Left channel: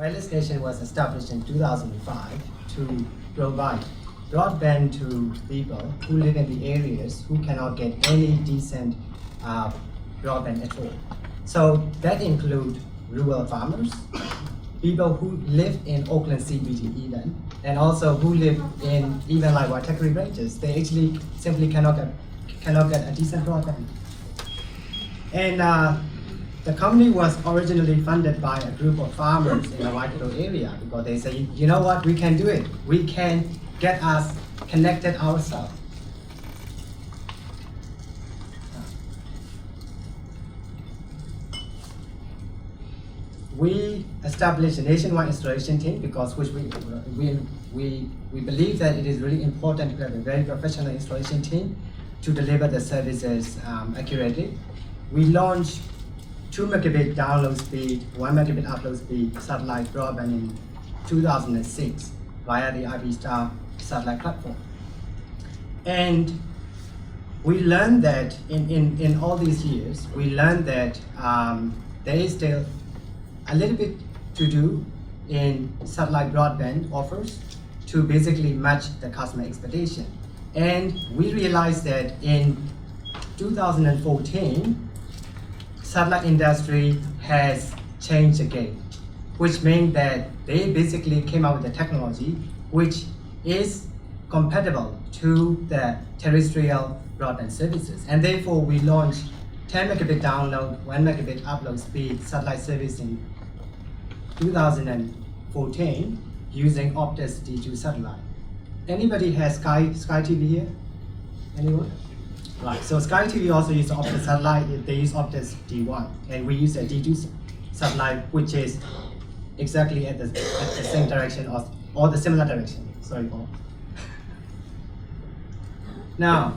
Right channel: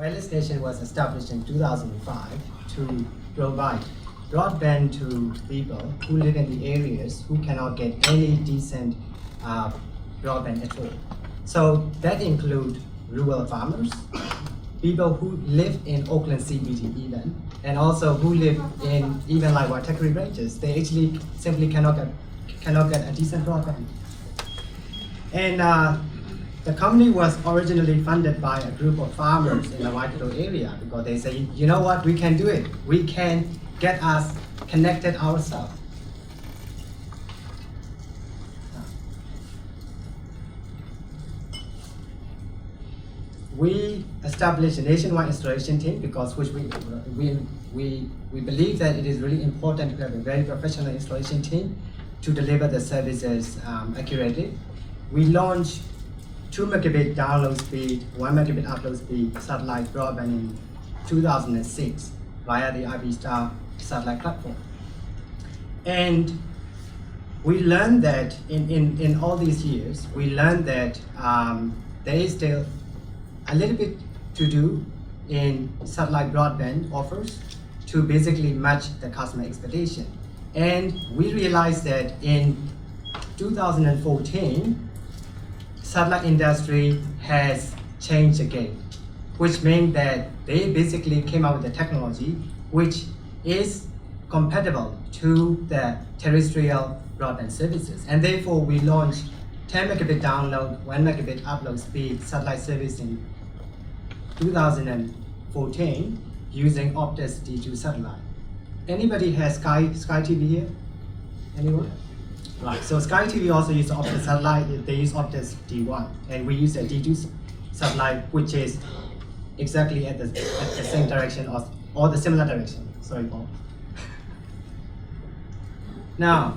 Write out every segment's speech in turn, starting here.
Wireless Nation was established in 2005 to provide broadband to people who live in the areas who cannot get any decent broadband at all. So that includes rural farmers, people who live in Oakland CBD even, and also who live in even like Waitakere ranges. They actually simply cannot get a decent broadband. And the company was originally funded by a group of farmers in the Waikato area because they say, you know what, we can do it. We can get us connected ourselves. We established a nationwide installation team because we believe that it is really important to have a very professional installation team to deliver the services accurately. We launched 2 megabit download speed, 1 megabit upload speed satellite broadband in 2006 via the IP Star satellite platform. And we learned that in all these years, we learned that there is still a little bit to do in satellite broadband offers to basically match the customer expectation. And we realized that in 2014, satellite industry has changed the game, which means that they basically came out with a technology which is compatible to the terrestrial broadband services. And therefore, we launched 10 megabit download, 1 megabit upload speed satellite service in 2014 using Optus D2 satellite. Anybody has Sky TV here? Anyone? Right, so Sky TV also uses Optus satellite, they use Optus D1, and we use a D2 satellite, which is exactly at the same direction or the similar direction. Sorry, Paul. Now,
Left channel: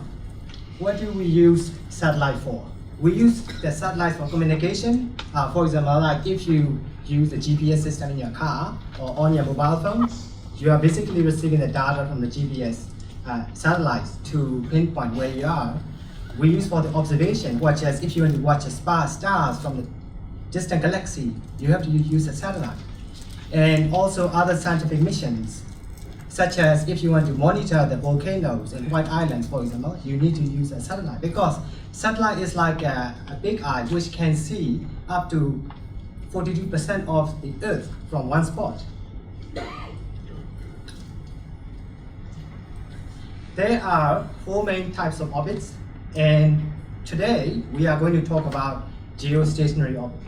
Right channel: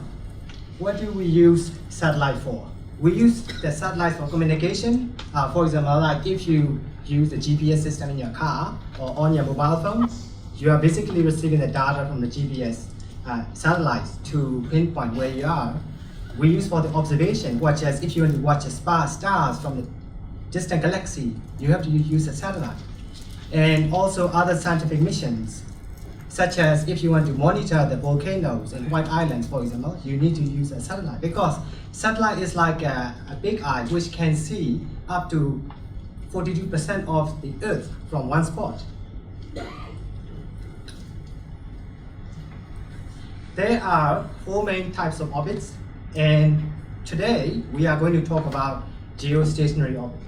what do we use satellite for? We use the satellite for communication. For example, like if you use the GPS system in your car or on your mobile phone, you are basically receiving the data from the GPS satellites to pinpoint where you are. We use for the observation, such as if you want to watch stars from the distant galaxy, you have to use a satellite. And also other scientific missions, such as if you want to monitor the volcanoes in White Islands, for example, you need to use a satellite because satellite is like a big eye which can see up to 42% of the Earth from one spot. There are 4 main types of orbits, and today we are going to talk about geostationary orbit.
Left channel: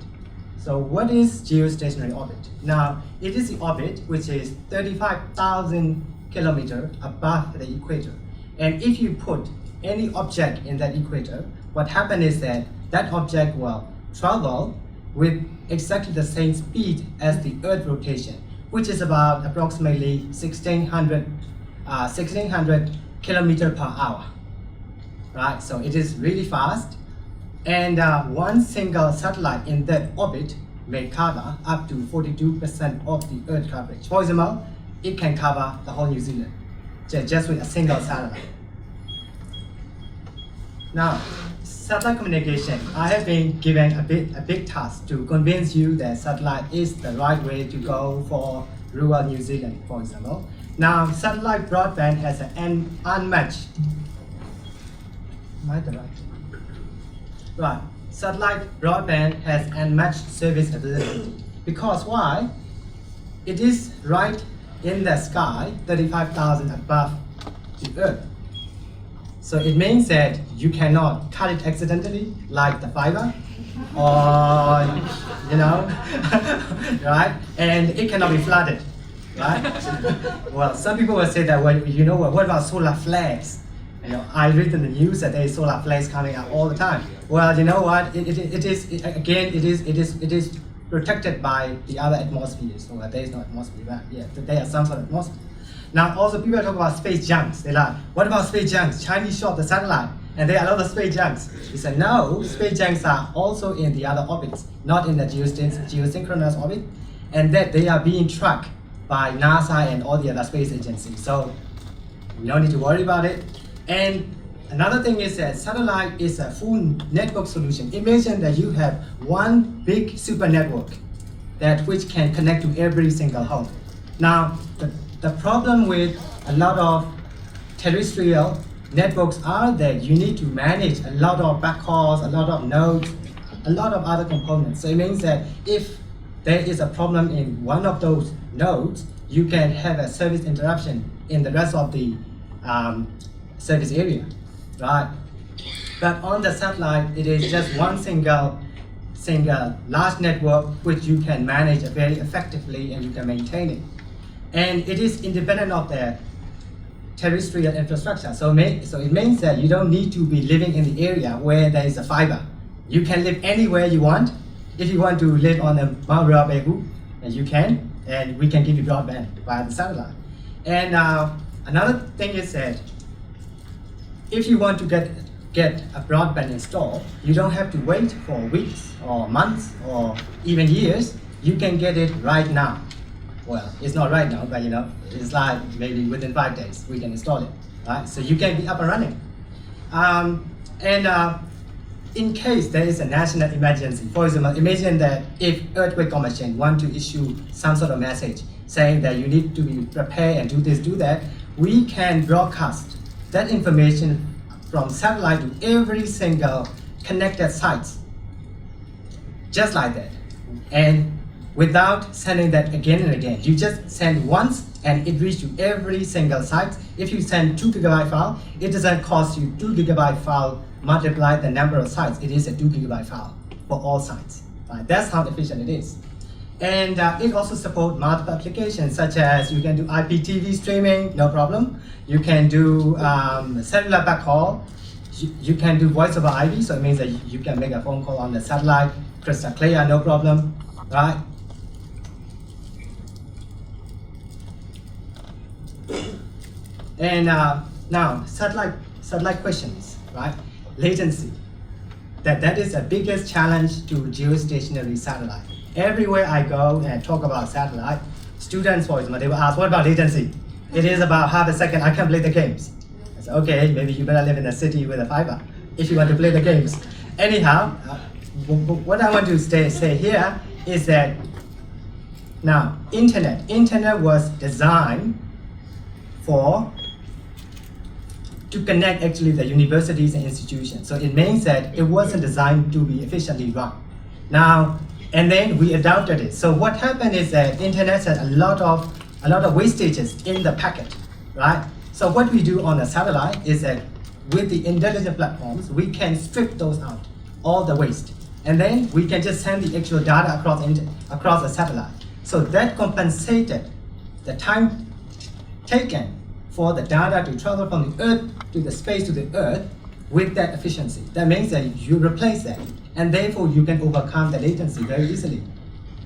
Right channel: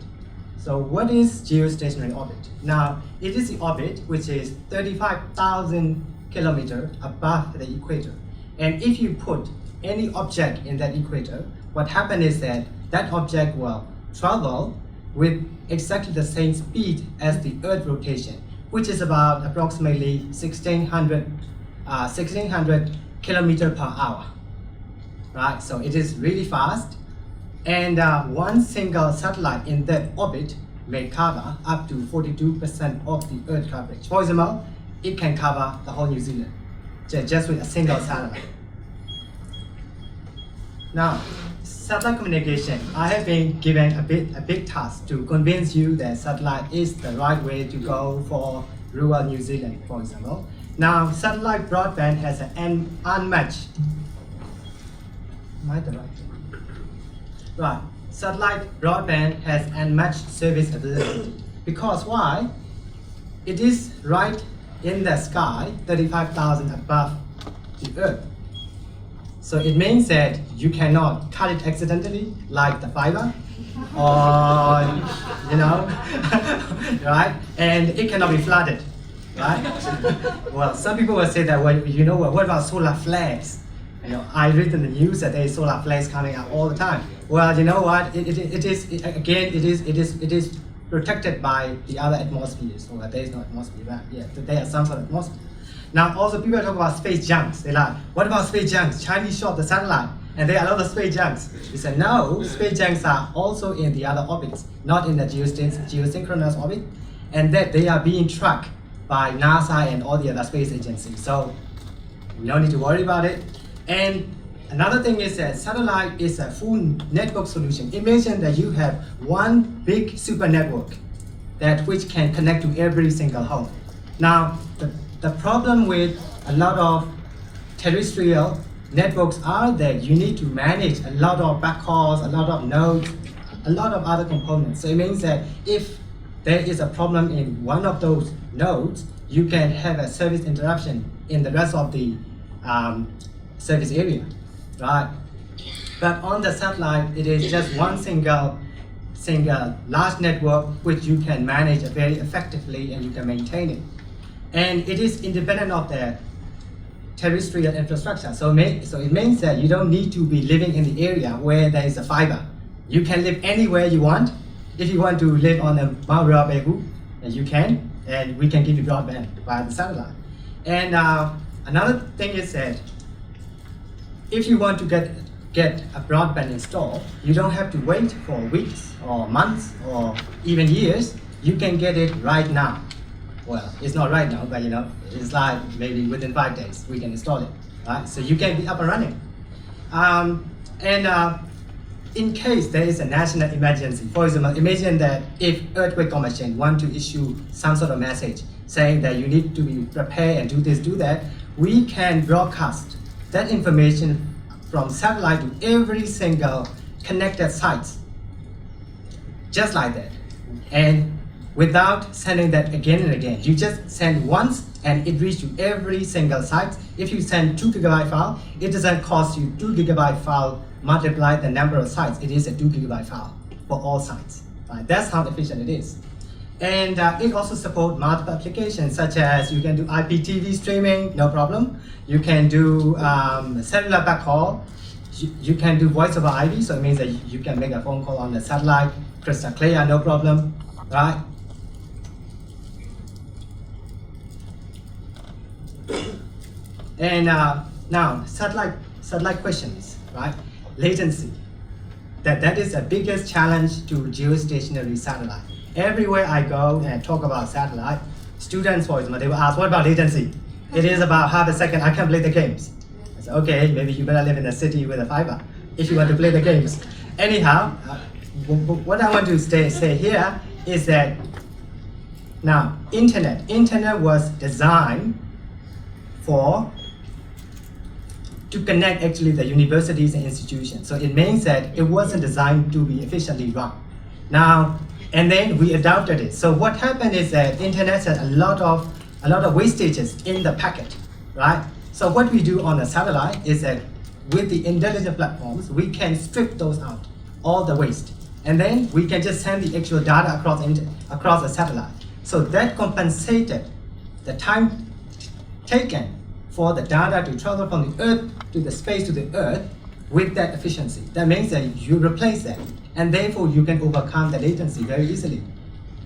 So what is geostationary orbit? Now, it is the orbit which is 35,000 kilometers above the equator. And if you put any object in that equator, what happens is that that object will travel with exactly the same speed as the Earth rotation, which is about approximately 1600 kilometers per hour. Right, so it is really fast, and one single satellite in that orbit may cover up to 42% of the Earth coverage. For example, it can cover the whole New Zealand just with a single satellite. Now, satellite communication. I have been given a big task to convince you that satellite is the right way to go for rural New Zealand, for example. Now, satellite broadband has an unmatched. Am I the right? Right. Satellite broadband has unmatched service availability. Because why? It is right in the sky, 35,000 above the Earth. So it means that you cannot cut it accidentally, like the fiber, or right? And it cannot be flooded, right? Well, some people will say that, well, what about solar flares? I read in the news that there is solar flares coming out all the time. Well, you know what? It is protected by the other atmospheres. Well, there is no atmosphere, but yeah, there is some sort of atmosphere. Now, also people talk about space junks. They're like, what about space junks? Chinese shot the satellite, and there are a lot of space junks. We said, no, space junks are also in the other orbits, not in the geosynchronous orbit, and that they are being tracked by NASA and all the other space agencies. So, we don't need to worry about it. And another thing is that satellite is a full network solution. Imagine that you have one big super network, that which can connect to every single home. Now, the problem with a lot of terrestrial networks are that you need to manage a lot of backhauls, a lot of nodes, a lot of other components. So it means that if there is a problem in one of those nodes, you can have a service interruption in the rest of the service area, right? But on the satellite, it is just one single large network which you can manage very effectively and you can maintain it. And it is independent of the terrestrial infrastructure. So it means that you don't need to be living in the area where there is a fiber. You can live anywhere you want. If you want to live on a Mount Rabahu, you can, and we can give you broadband via the satellite. And another thing is that if you want to get a broadband installed, you don't have to wait for weeks or months or even years. You can get it right now. Well, it's not right now, but it's like maybe within 5 days we can install it, right? So you can be up and running. In case there is a national emergency, for example, imagine that if Earthquake Commission want to issue some sort of message saying that you need to be prepared and do this, do that, we can broadcast that information from satellite to every single connected sites, just like that. And without sending that again and again, you just send once and it reaches to every single site. If you send 2 GB file, it doesn't cost you 2 GB file multiply the number of sites. It is a 2 GB file for all sites. Right? That's how efficient it is. And it also supports multiple applications, such as you can do IPTV streaming, no problem. You can do cellular backhaul. You can do voice over IP, so it means that you can make a phone call on the satellite, crystal clear, no problem, right? And now, satellite questions, right? Latency. That is the biggest challenge to geostationary satellite. Everywhere I go and talk about satellite, students, for example, they will ask, what about latency? It is about half a second, I can't play the games. I say, okay, maybe you better live in a city with a fiber if you want to play the games. Anyhow, what I want to say here is that now, internet was designed to connect actually the universities and institutions. So it means that it wasn't designed to be efficiently run. Now, and then we adopted it. So what happened is that internet has a lot of wastages in the packet, right? So what we do on the satellite is that with the intelligent platforms, we can strip those out, all the waste. And then we can just send the actual data across the satellite. So that compensated the time taken for the data to travel from the Earth to the space to the Earth with that efficiency. That means that you replace that, and therefore you can overcome the latency very easily.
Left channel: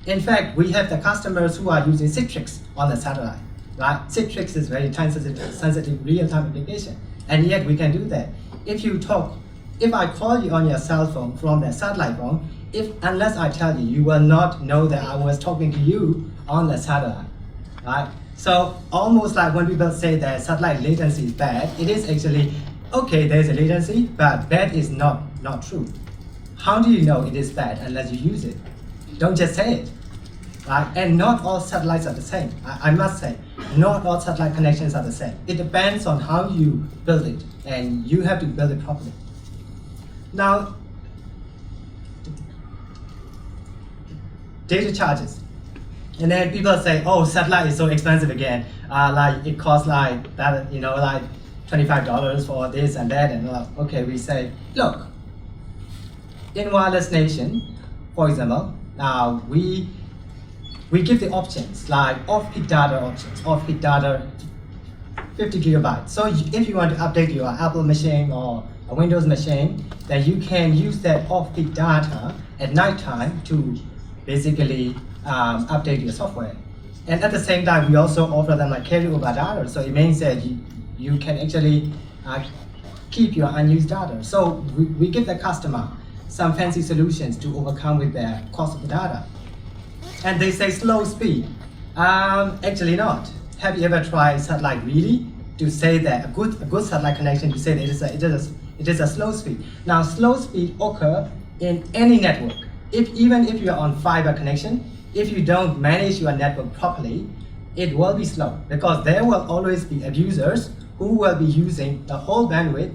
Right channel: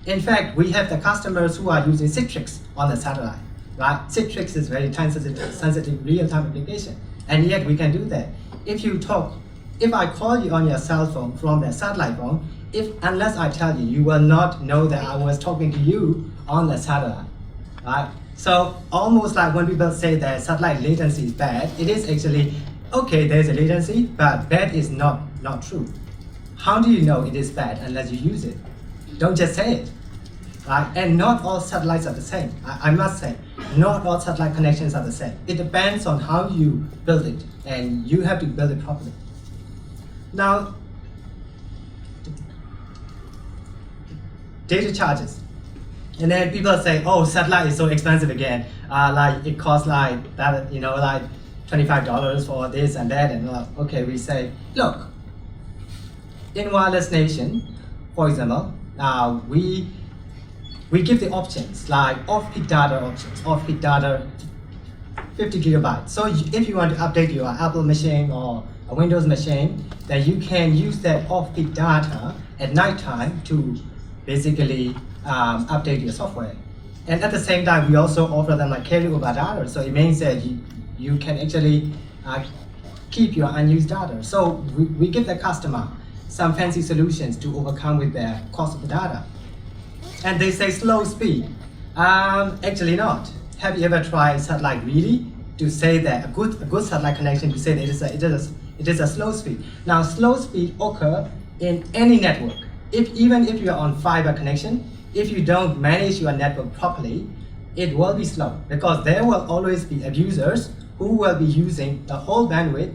In fact, we have the customers who are using Citrix on the satellite, right? Citrix is very time-sensitive real-time application, and yet we can do that. If I call you on your cell phone from the satellite phone, unless I tell you, you will not know that I was talking to you on the satellite, right? So almost like when people say that satellite latency is bad, it is actually, okay, there's a latency, but bad is not true. How do you know it is bad unless you use it? Don't just say it, right? And not all satellites are the same. I must say, not all satellite connections are the same. It depends on how you build it, and you have to build it properly. Now, data charges. And then people say, oh, satellite is so expensive again. Like it costs like that, like $25 for this and that. And okay, we say, look, in wireless nation, for example, we give the options like off-peak data options, off-peak data 50 gigabytes. So if you want to update your Apple machine or a Windows machine, then you can use that off-peak data at nighttime to basically update your software. And at the same time, we also offer them like carryover data. So it means that you can actually keep your unused data. So we give the customer some fancy solutions to overcome with the cost of the data. And they say slow speed. Actually not. Have you ever tried satellite really to say that a good satellite connection to say that it is a slow speed? Now slow speed occur in any network. even if you are on fiber connection, if you don't manage your network properly, it will be slow because there will always be abusers who will be using the whole bandwidth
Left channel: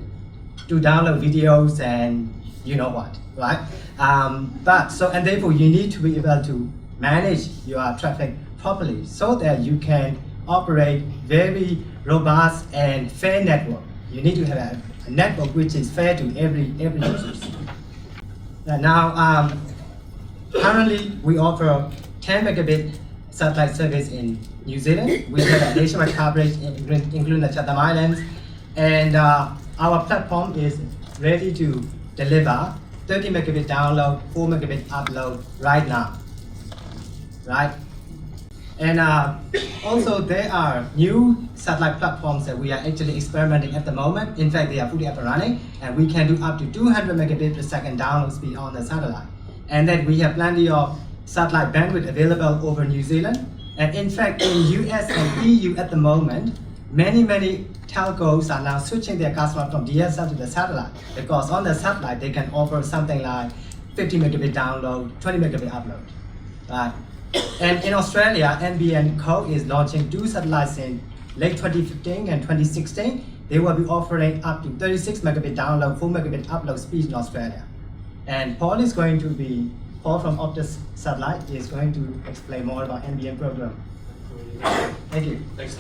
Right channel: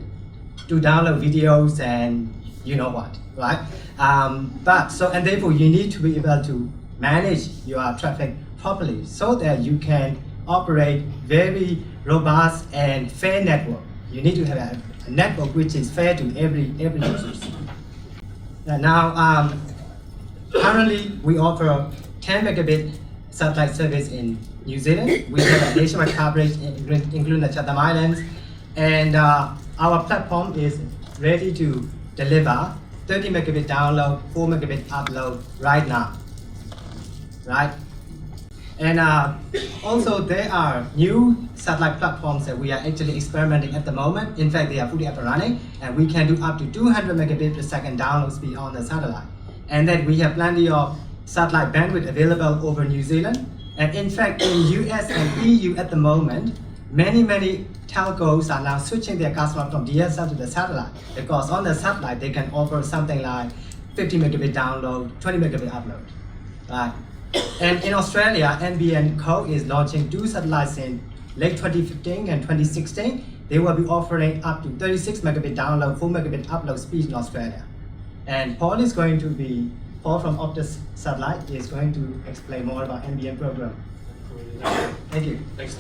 to download videos and you know what, right? And therefore you need to be able to manage your traffic properly so that you can operate very robust and fair network. You need to have a network which is fair to every user. Now, currently we offer 10 megabit satellite service in New Zealand. We have a nationwide coverage including the Chatham Islands, and our platform is ready to deliver 30 megabit download, 4 megabit upload right now, right? And also there are new satellite platforms that we are actually experimenting at the moment. In fact, they are fully up and running, and we can do up to 200 megabit per second download speed on the satellite. And then we have plenty of satellite bandwidth available over New Zealand. And in fact, in US and EU at the moment, many telcos are now switching their customers from DSL to the satellite, because on the satellite they can offer something like 50 megabit download, 20 megabit upload, right? And in Australia, NBN Co is launching 2 satellites in late 2015 and 2016. They will be offering up to 36 megabit download, 4 megabit upload speed in Australia. And Paul from Optus Satellite is going to explain more about NBN program. Thank you. Thanks.